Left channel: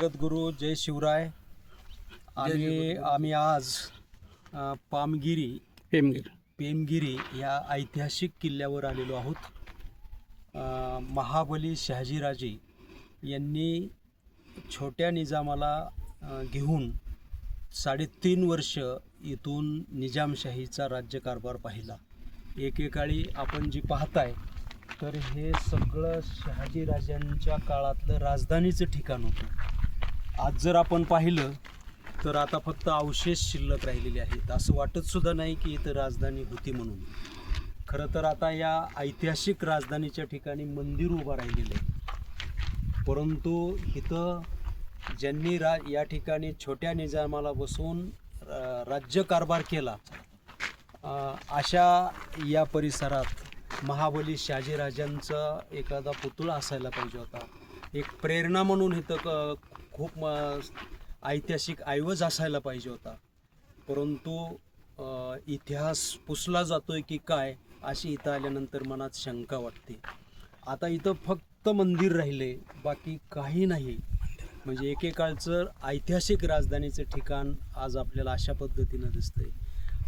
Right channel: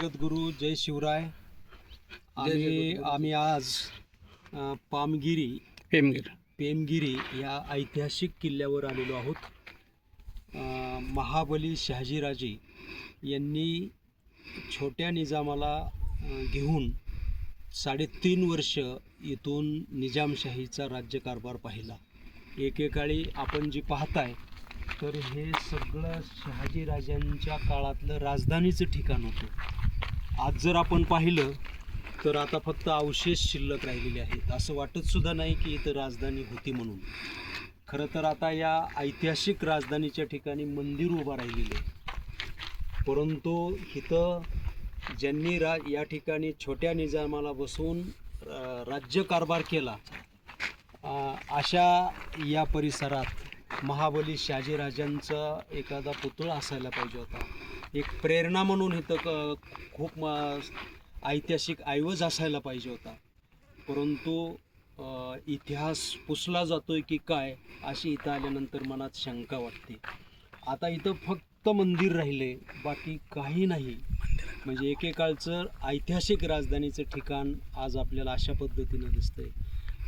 जगद्गुरु जय शिवराय आणि आम्ही आज अ, पामगिरी पेमगीर. पेमगिरी या ऐतिहासिक किल्ल्यावर आलेलो आहोत. अ, महाबली शहाजीराजे यांनी छोट्या निजामाला अ, घेऊन साडेतीन वर्ष इथून निजामशाहीचा राज्यकारभार पाहिला. एकेकाळी आपण जी पाहताय तर हे सगळं शहाजीराजांच्या काळातलं राजधानीचं ठिकाण होतं. आज जर आपण पाहिलं तर आता फक्त अवशेष शिल्लक राहिलेले आहेत. असं वाटत सुद्धा नाही की इथं राजधानी होती म्हणून. खरं तर आता या ऐतिहासिक राजधानीच्या ठिकाणी मंदिर उभं राहिलेलं आहे. परंतु इथं ज्यांनी रा या ठिकाणी छोट्या निजामाला बसवून राज्यकारभार केला अशा या परिसरात महाबली शहाजीराजांचा एखादा पुतळा असायला पाहिजे होता. एक प्रेरणा म्हणून इथं क- खूप ऐतिहासिक ऐवज असायला पाहिजे होता. परंतु इतिहास पुसला जातोय की काय अशी इथं आल्यानंतर मनात शंका वाटते. आता इथं फक्त मंदिर राहिले बाकी काही नाही. म्हणजे एकेकाळचं ऐतिहासिक राजधानीचं ठिकाण आज आपल्याला अशा पद्धतीनं दिसतंय.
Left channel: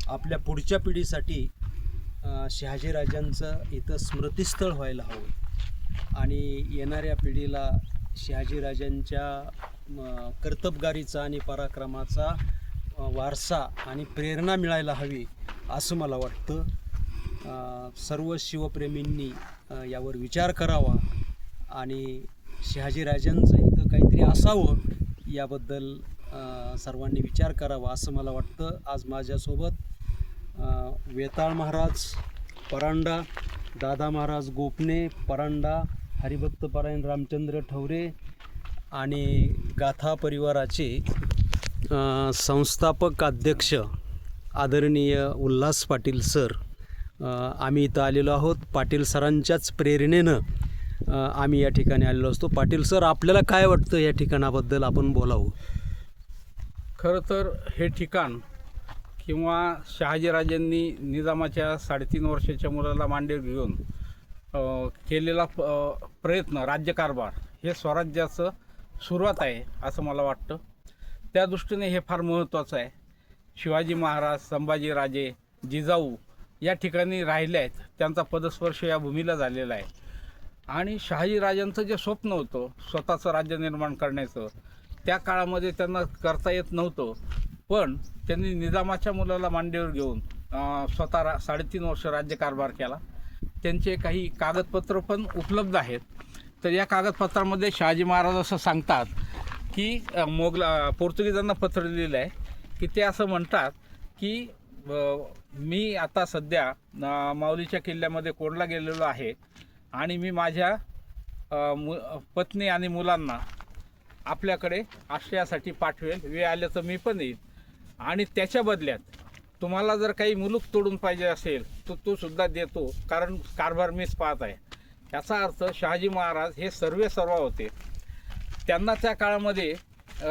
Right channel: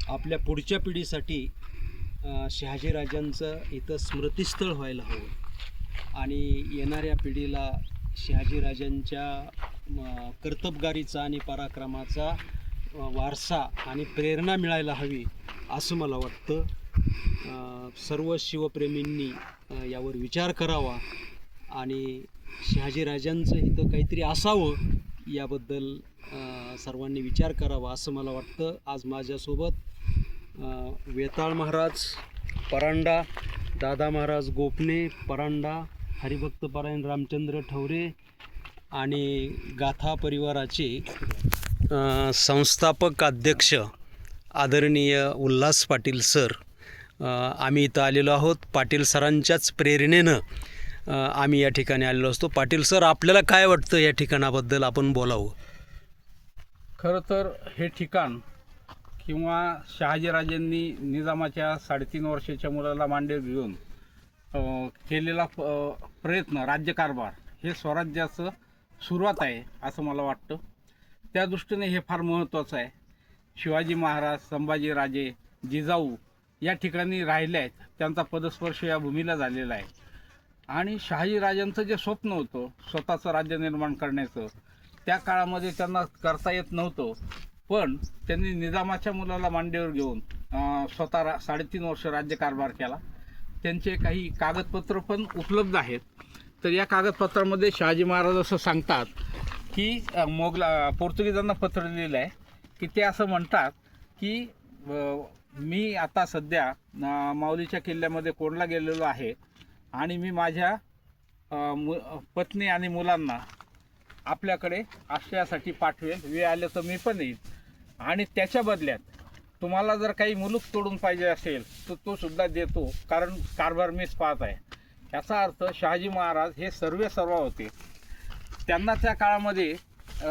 आपल्या पुढच्या पिढीसाठी शहाजीराजांचं इथं स्मृतिस्थळ व्हायला हवं. आणि येणाऱ्या पिढीला शहाजीराजांच्या कर्तबगारीचा आणि पराक्रमाचा वारसा आणि प्रेरणा मिळायला हवी असं मला वाटतं. सर्व शिवप्रेमींनी यावर विचार करावा आणि शहाजीराजांचं इथं काहीतरी असावं याबद्दल सर्वांनी विचार करावा असं मला वाटतं. आज माझ्यासोबत वेताळ महाराज परांडा दादा महाराज गोपणे परांडा हरिभक्तपरायण रामचंद्र ठवरे आणि गाथा परिवाराचे संस्थापक अध्यक्ष आदरणीय उल्हास पाटील सर आम्ही इथं आलेलो आहोत. पाटील सरांच्याच प्रेरणेनं आम्ही या ठिकाणी आलेलो असतो. पाटील सर आपल्याला काय वाटतं या ठिकाणाबद्दल आपण बोलावं? खरं तर हे ठिकाण किंवा शहाजीराजांनी निजामाच्या साडेतीन वर्षाच्या मुलाला मांडे घेऊन केलेला प्रयत्न राज्यकारभार हे स्वराज्याचं सुरुवात आहे असं मला वाटतं. त्या दृष्टीने हे फार महत्त्वाचं आहे. शिवाजी महाराज संभाजीराजे जिजाऊ या ठिकाणी राहिले आहेत. त्यांचा पदस्पर्श या भूमीला झालेला आहे. आणि शहाजीराजांचं जे स्वप्न होतं स्वतःचं राज्य निर्माण करण्याचं त्या काळामध्ये त्यांना करता येत नव्हतं. पण त्यांनी निजामाच्या मुलाला मांडीवर घेऊन स्वतः रा साडेतीन वर्ष राज्यकारभार केला. त्यांचे काही कागदपत्र पण उपलब्ध आहेत. तर या कागदपत्रामध्ये शहाजी महाराज असं सांगतात की मोगला पोर्तुगीजांना पत्र लिहिलं आहे की ते असं म्हणतात की मी आता सध्या माऊलीच्या किल्ल्यामध्ये कोडला गेलेलो आहे आणि मी माझ्या मु पत्नी आणि मुलांना आपल्याकडे आश्रयासाठी पाठवेल. वेळ आलं तर मी पण येईल आणि त्याच्या बदल्यात तुम्हाला जर काही मुलूक तोडून पाहिजे असेल तर तो सुद्धा देतो कारण कारभार मीच पाहत आहे. याचा अर्थ शहाजी महाराज हे सर्वे सर्व होते. त्यांना त्या काळामध्ये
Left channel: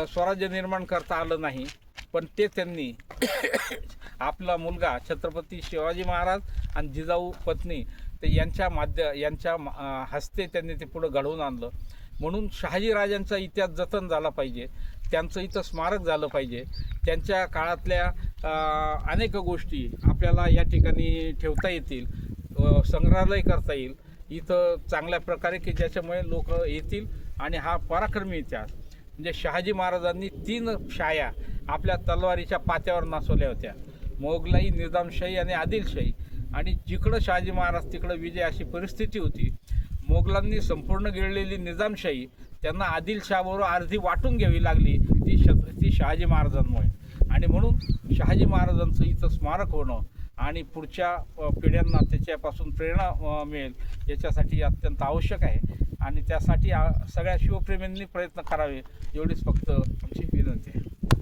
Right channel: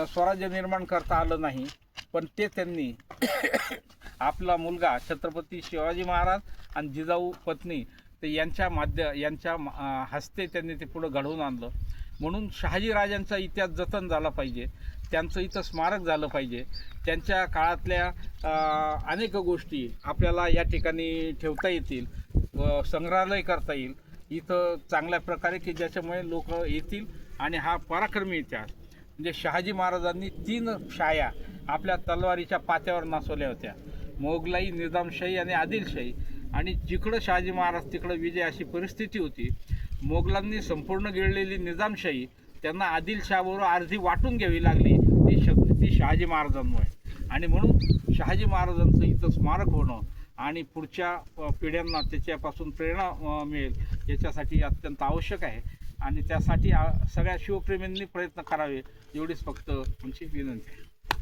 स्वराज्य निर्माण करता आलं नाही पण ते त्यांनी आपला मुलगा छत्रपती शिवाजी महाराज आणि जिजाऊ पत्नी ते यांच्या माध्य यांच्या हस्ते त्यांनी ते पुढं घडवून आणलं. म्हणून शहाजीराजांचा इतिहास जतन झाला पाहिजे. त्यांचं इथं स्मारक झालं पाहिजे. त्यांच्या काळातल्या अनेक गोष्टी आपल्याला या ठिकाणी ठेवता येतील संग्रहालय करता येईल. इथं चांगल्या प्रकारे की ज्याच्यामुळे लोक येतील आणि हा पराक्रमी इतिहास. म्हणजे शहाजी महाराजांनी तीन शाया आपल्या तलवारीच्या पात्यावर नाचवल्या होत्या. मोगलाई निजामशाही आणि आदिलशाही. आणि जिकडं शहाजी महाराज तिकडं विजय अशी परिस्थिती होती मोगलांनी संपूर्ण गिळलेली निजामशाही त्यांना आदिलशाहबरोबर अर्धी वाटून घ्यावी लागली ती श ती शहाजी महाराजांमुळे. आणि म्हणून शहाजी महाराजांचं इथं स्मारक होणं आणि पुढच्या पिढ्यांना त्याच्यापासून प्रेरणा मिळेल याच्यासाठी अत्यंत आवश्यक आहे. आणि त्यासाठी सगळ्या शिवप्रेमींनी प्रयत्न करावे एवढीच फक्त आमची विनंती आहे.